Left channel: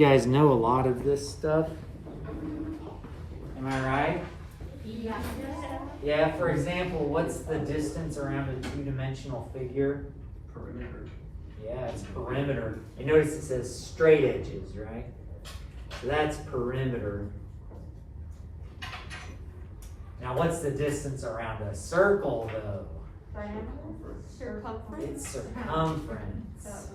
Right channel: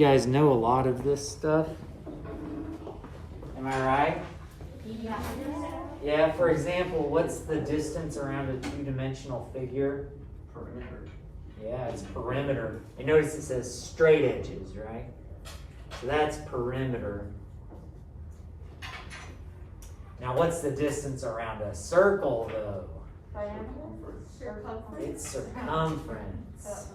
You guys know a lot of this stuff. Am I right? Yeah. Yeah, for example, what's the distance around a two-dimensional figure? Perimeter. Yeah, it's perimeter. You notice it says straight edges, right? So that's perimeter. Now what's the distance around a circle though? Circumference. It's circumference.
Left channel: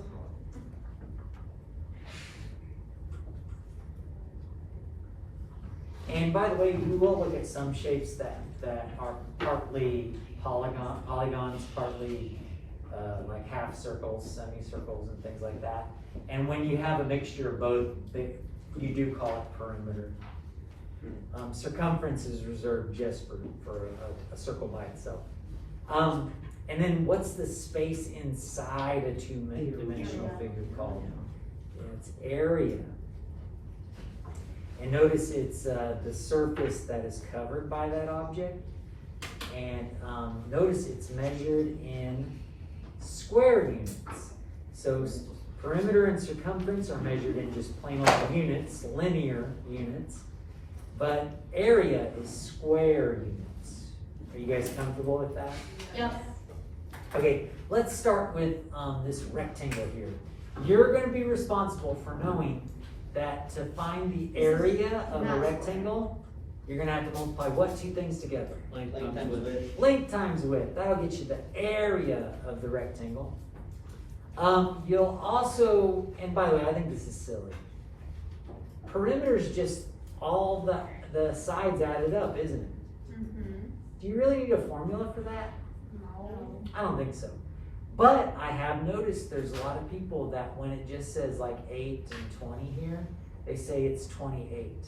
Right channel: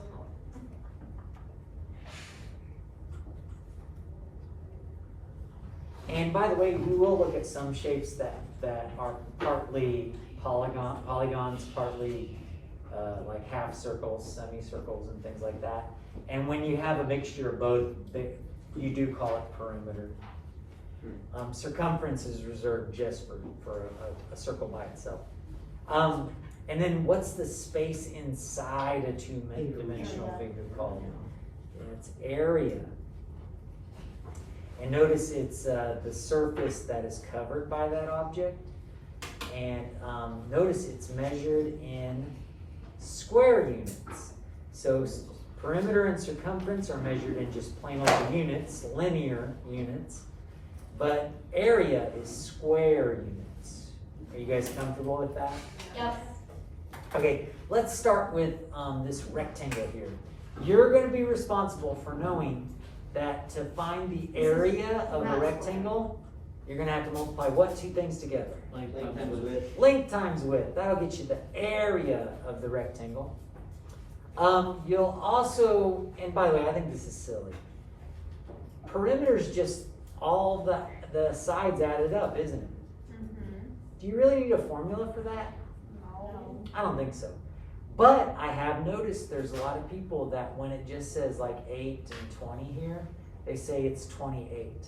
And by the way, we will look at some shapes that are partly polygons, partly like half circles, semicircles, and things like that. And when you have a mixture of both, you do call it perimeter. Circumference is reserved just for a circle by itself. And then what's the space inside a two-dimensional figure called? It's area. And notice it's the surface that is covered by that object. And notice it's measured in square units. So perimeter and circumference are measured in just plain old units, linear units. But area is square units. Are you guys comfortable with that? Yep. Okay, let's start with this rectangle here. You're going to be responsible for knowing that to find the area of a rectangle, you're going to have to multiply what two things together? Length times width. Length times width. That'll get you the area of the rectangle. You'll also, and by the way, I think this is silly. Perimeter is just all the sides added up, isn't it? Mm-hmm. Do you really need a formula for that? No. I don't think so. But I have noticed there's a lot of people that when it just says like 8 and 20 here, they say it's 28.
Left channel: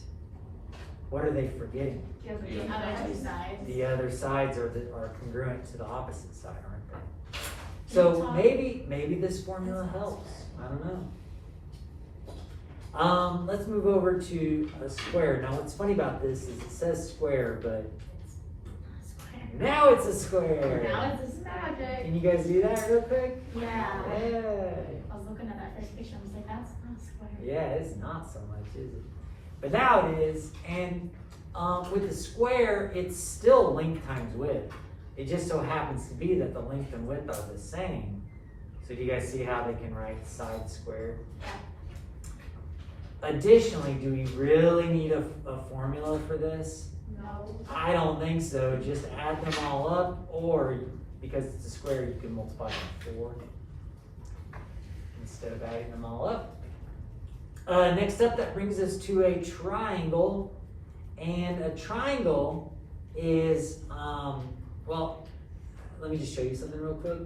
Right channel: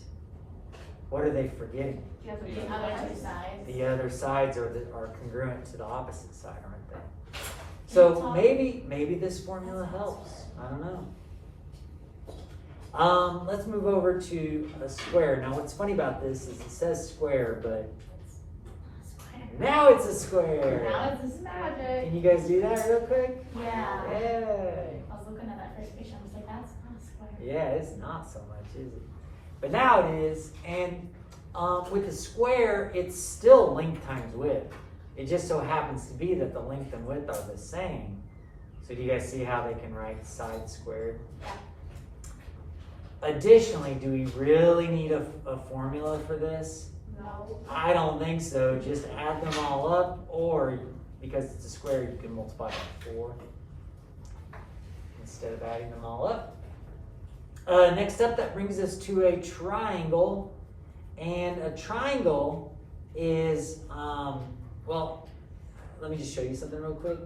What are they forgetting? The other two sides. The other sides are congruent to the opposite side, aren't they? So maybe this formula helps. I don't know. Let's move over to a square. Now what's funny about this is it says square, but now it's a square. Now it's a magic. Can you guys do that real quick? Yeah. Yay. I was looking at that first picture. I was like, that's not a square. Yeah, it's not so much, is it? But now it is, and with the square, it's still length times width. It just so happens to be that the length and width are the same. So do you guys see how they can write side squared? Additionally, do we really need a formula for this? No. I don't think so. Just add them all up, or because it's a square, you can multiply by 4 instead of adding them all up. Next up, that brings us to a triangle. And a triangle is, well, let me just show you something real quick.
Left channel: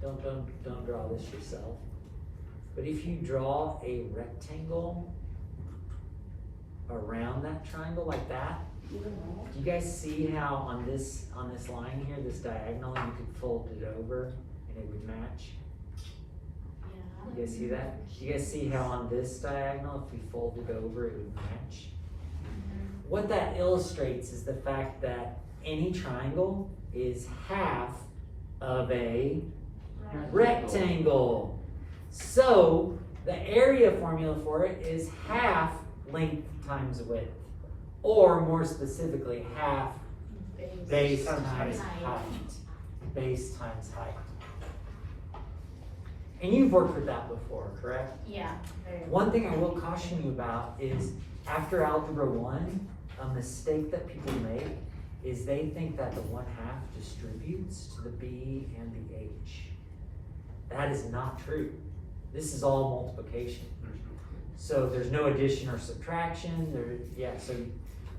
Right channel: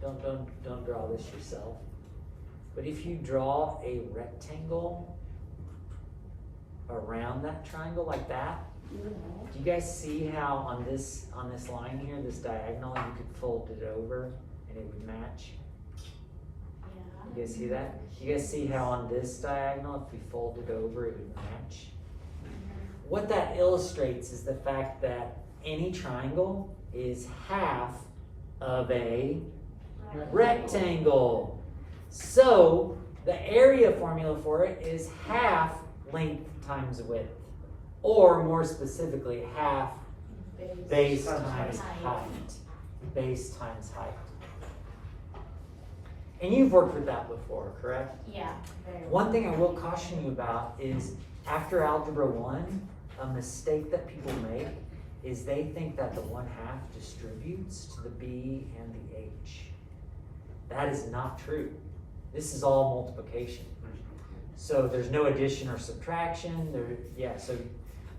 Don't draw this yourself. But if you draw a rectangle around that triangle like that, do you guys see how on this line here, this diagonal, you could fold it over and it would match? Yeah. You guys see that? You guys see how on this diagonal, if you fold it over, it would match? What that illustrates is the fact that any triangle is half of a rectangle. So the area formula for it is half length times width. Or more specifically, half base times height. Base times height. And you've worked with that before, correct? Yeah. One thing I will caution you about is after Algebra 1, a mistake that people make is they think that the 1/2 distributes to the B and the H. That is not true. This is all multiplication. So there's no addition or subtraction. So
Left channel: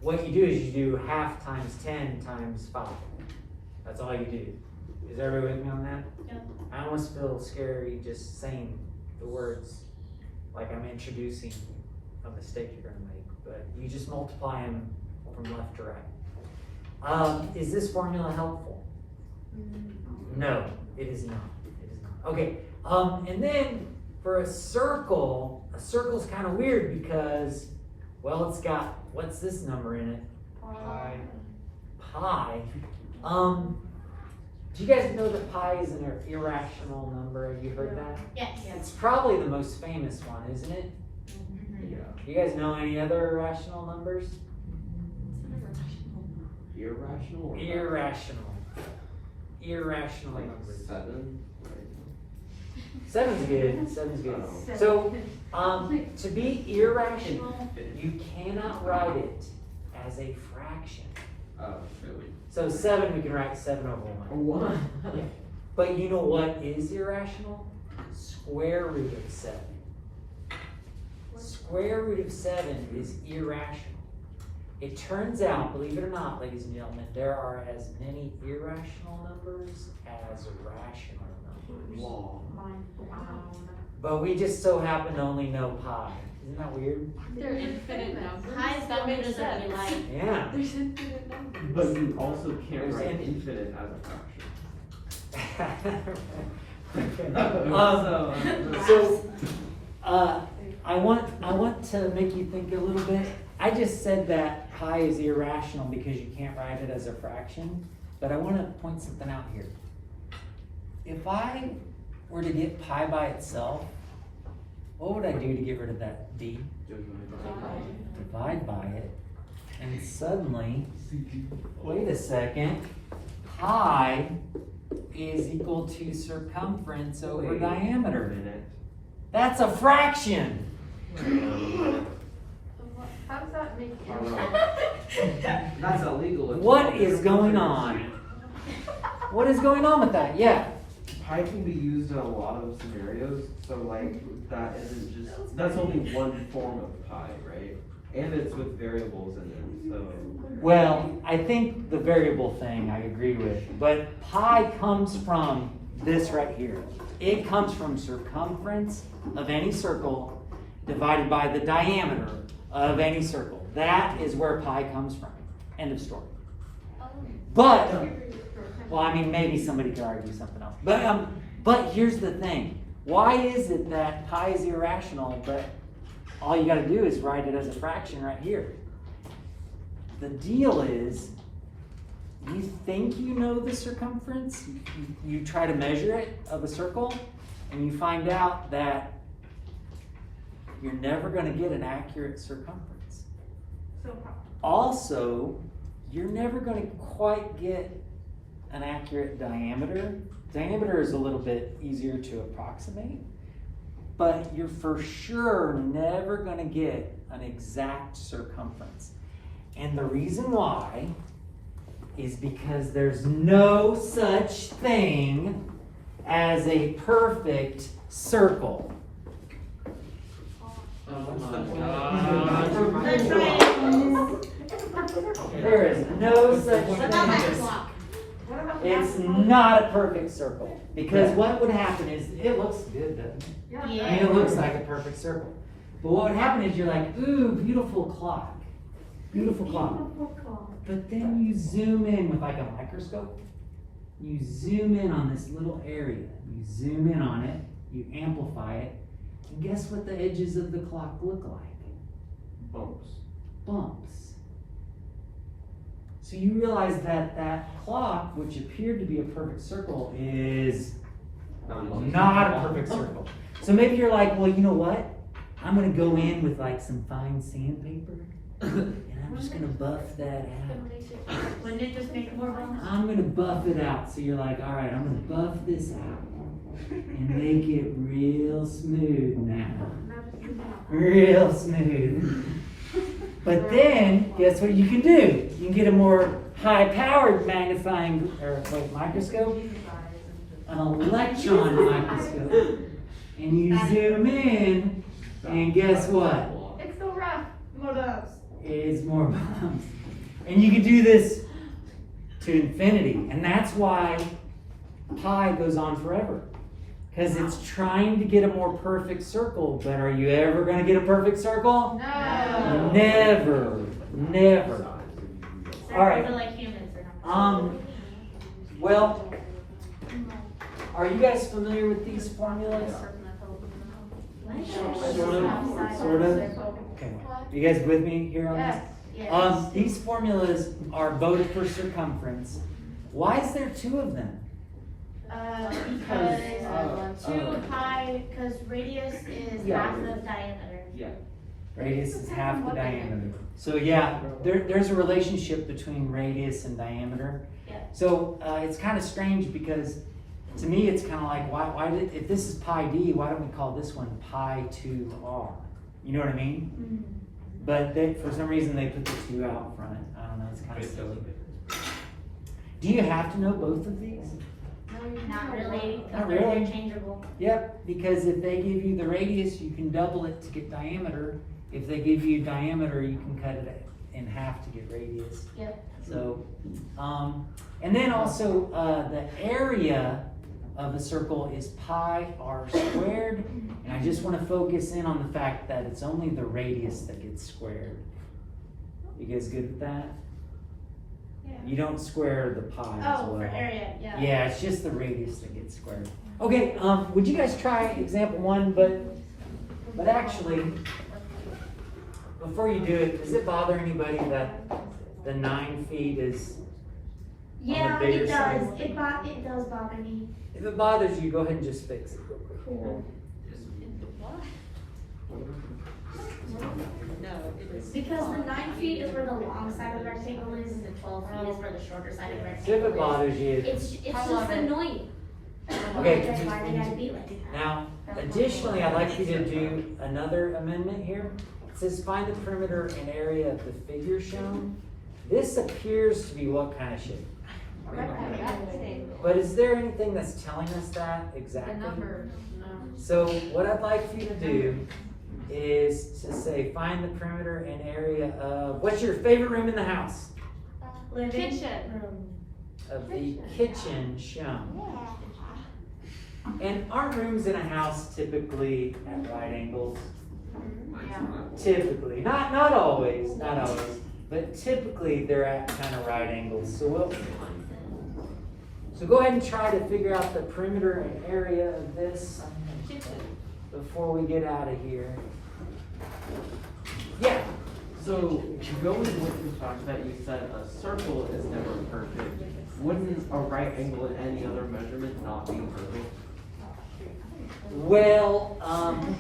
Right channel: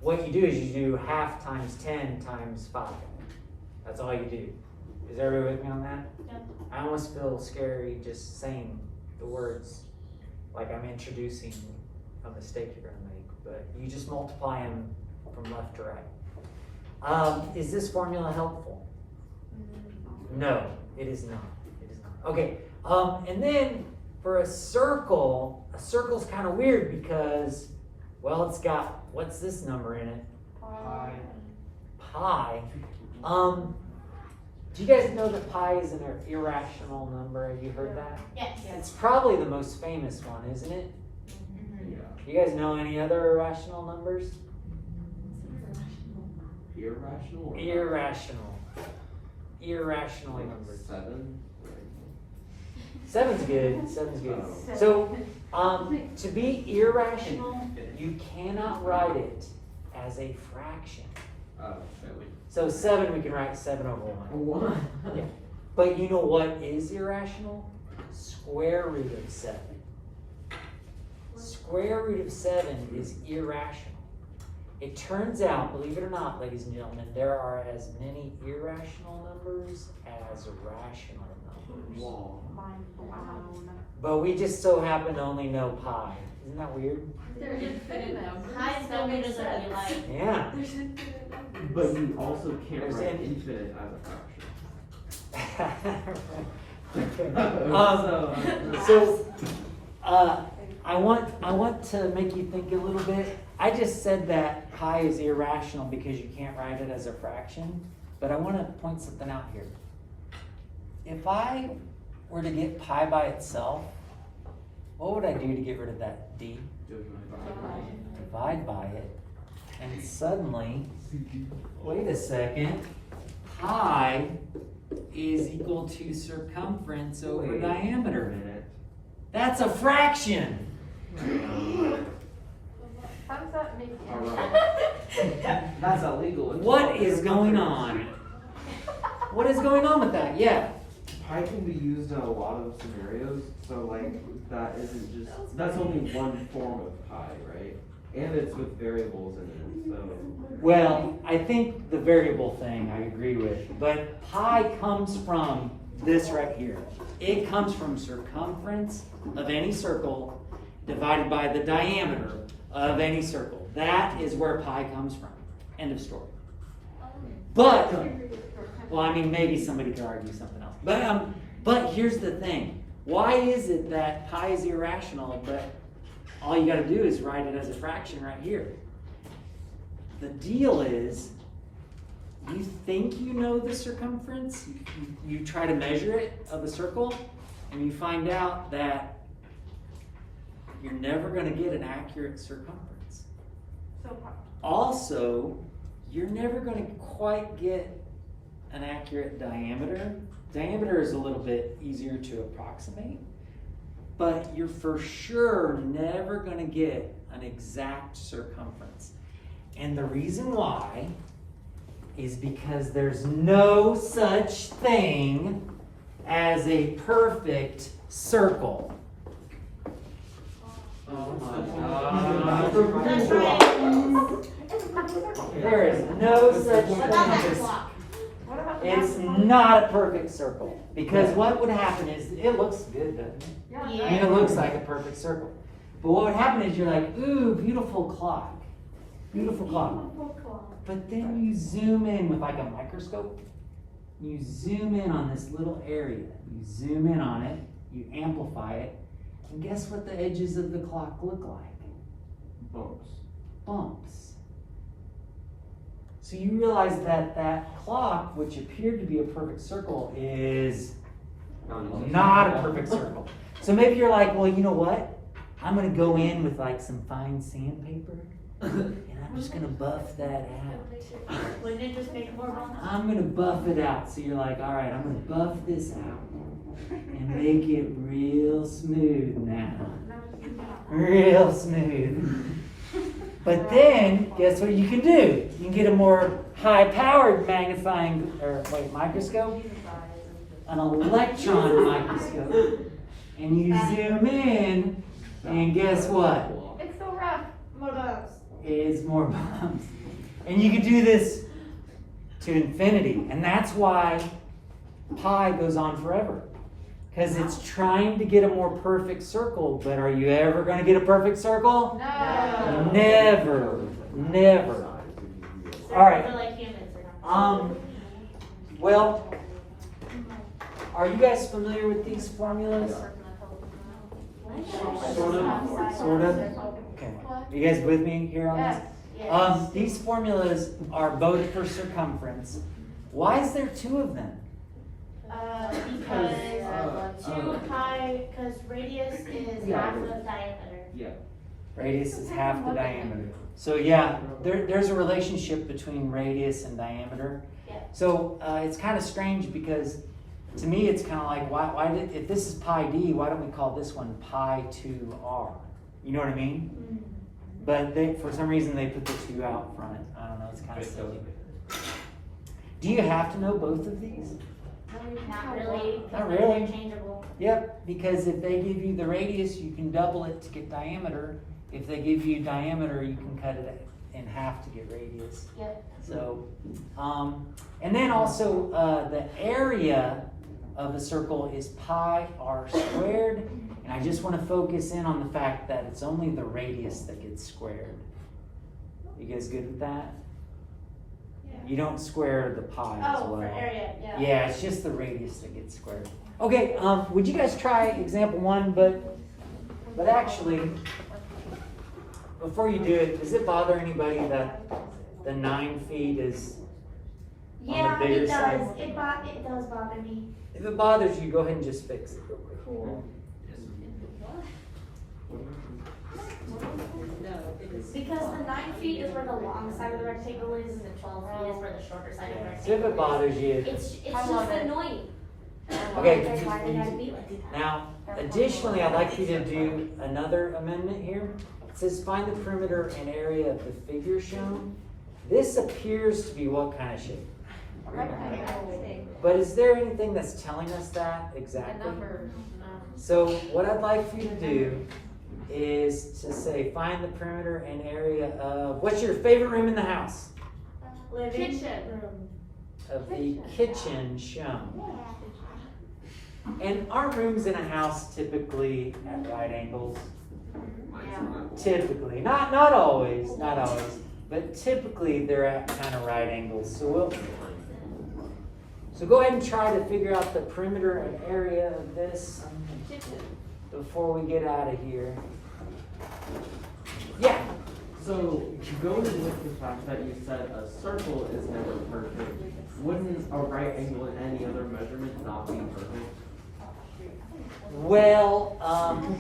what you do is you do 1/2 times 10 times 5. That's all you do. Is everybody with me on that? Yep. I almost feel scary just saying the words like I'm introducing a mistake you're going to make, but you just multiply them from left to right. Is this formula helpful? No, it is not. It is not. Okay, and then for a circle's kind of weird because, well, it's got, what's this number in it? Pi. Do you guys know that pi is an irrational number? Have you heard that? Yes. It's probably the most famous one, isn't it? Yeah. You guys know any other irrational numbers? Irrational or Irrational. Irrational like numbers. 7? Right? Seven's good. Seven's good. Oh. So, to be irrational, you cannot write it as a fraction. Oh. So 7, we can write 7 over 1. 1. Yeah. But you know what is irrational? Square root of 7. Square root of 7 is irrational. It turns out, believe it or not, ladies and gentlemen, there are as many irrational numbers as rational numbers. Wow. But we just so happen to only know pi. Isn't that weird? They're infinite numbers. Highs That don't makes make sense. sense. Like, Yeah. There's infinite numbers. But you also can't write Understand? infinite as a fraction. So, I want to make you think a little bit. I just said that pi is irrational because you can't write it as a fraction, but I want to point something out here. If I were to get pi by itself, what would I do to get rid of that d? Divide by it, and suddenly, wait a second, pi is equal to circumference over Wait. diameter. Minute. That's a fraction. How does that make sense? That's illegal. What is going on? What is going on with that? Yeah. Pi can be used in a lot of scenarios, so like that isn't just, that's only one form of pi, right? And it's with variables in it, so. Well, I think the variable thing I agree with, but pi comes from this right here. It comes from circumference of any circle divided by the diameter of any circle. That is where pi comes from. End of story. But, well, I mean, maybe somebody could argue something else. But here's the thing. Why is it that pi is irrational, but all you got to do is write it as a fraction right here? The deal is, you think you know the circumference, you try to measure it of a circle, and you find out that you're never going to get an accurate circumference. Also, you're never going to quite get an accurate diameter. Diameter is a little bit easier to approximate, but you're for sure never going to get an exact circumference. And the reason why is because there's no such thing as a perfect circle. Oh my that's god. right. There is no such What about that thing as clock? it's not a perfect circle. Because what would happen is, it looks good, doesn't it? I mean, it looks like a perfect circle. But what would happen is you're like, ooh, beautiful clock. Beautiful clock. But then you zoom in with like a microscope. You zoom in on this little area. You zoom in on it. You amplify it. And guess what the edges of the clock look like? Bumps. Bumps. So you realize that that clock, which appeared to be a perfect circle, is not a perfect circle. So maybe you're like, well, you know what? I'm going to go in with like some fine sandpaper, and I'm just going to buff that out. Wouldn't it just make more bumps? I'm going to buff it out. So you're like, all right, I'm going to buff this out and make it real smooth now. Real smooth. But then, guess what you can do? You can get a more high-powered magnifying, microscope, an electron microscope, and you zoom in, and guess what? It's so rough. More bumps. It's more bumps. And you can do this to infinity, and that's why pi goes on forever. Because it's trying to get a more perfect circle, but are you ever going to get a perfect circle? No. Never. Never. All right. We're like humans. We're not. Well, are you guys familiar with these formulas? Sort of. Okay. Are you guys with me here on this? Yes. These formulas are voted for circumference. Why is there two of them? Because 2 pi, because radius is Yeah. half of diameter. Yeah. Radius is half the diameter. So yeah, there's a relationship between radius and diameter. Yeah. So it's kind of strange because to me it's kind of like if this is pi d, why don't we call this one pi 2r? You know what I mean? But for some reason they put the 2 out front. I don't know, it's kind of silly. Do you have to know both of these? Not really, Not because they're really. interchangeable. Yep, because if they give you the radius, you can double it to get diameter. If they give you diameter, you can cut it in half to get radius. Yep. So, and then also the area of the circle is pi r squared. And I just want to focus in on the fact that it's only the radius that gets squared. You guys good with that? You don't square the pi as Oh, well. for area, yeah. Yeah, it's just the radius that gets squared. Okay, would you guys try example 1, but actually, before you do it, does it bother anybody that the 9 feet is Yeah, bigger it does. side? It does bother me. If it bothers you, go ahead and just fix it real quick. Cool. Because the 9 feet is where the long side of the rectangle is, and the 12 feet is where the shorter side of the So if rectangle it bothers you, It's just annoying. Okay. Like, why did I be like that? now, additionally, I'd like you to do another amendment here. It says find the perimeter and area of the figure shown. This appears to be what kind of shape? But is there anything that's telling us that exactly? So what I'd like for you to do is to say find the perimeter and area of, what's your favorite room in the house? Living Kitchen. room. Of the kitchen shown. And are rooms in a house typically at right angles? Typically, not always, but typically they're at kind of right angles. So go ahead and try to figure out the perimeter and area of this before we get out of here. Yeah. So going with the fact that you said a circle is never perfect, wouldn't a right angle in any other measurement not be perfect? Well,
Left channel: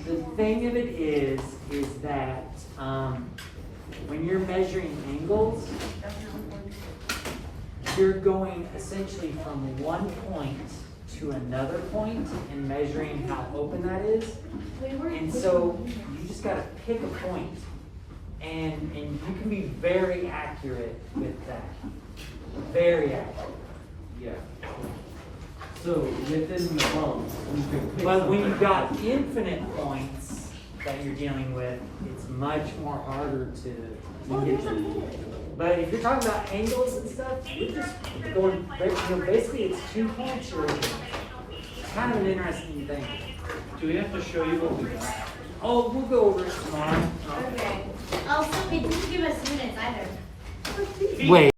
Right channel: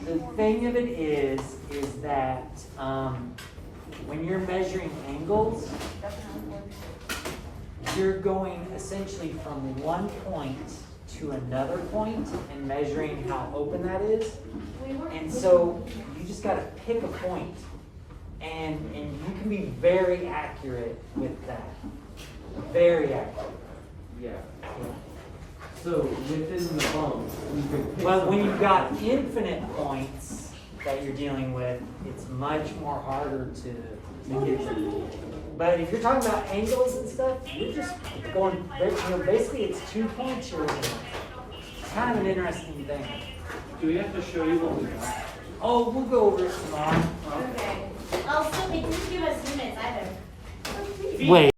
the thing of it is that when you're measuring angles, you're going essentially from one point to another point and measuring how open that is. And so you just gotta pick a point, and you can be very accurate with that. Very accurate. Yeah. So within the bump, you could pick Well, when something you've got that- infinite points that you're dealing with, it's much more harder to get to. But if you're talking about angles and stuff, you're just going, basically it's 2 points. It's kind of an interesting thing. Do we have to show you what we got? Oh, we'll go over it tomorrow. Okay. Oh, Sylvie, did you give us units either? Wait.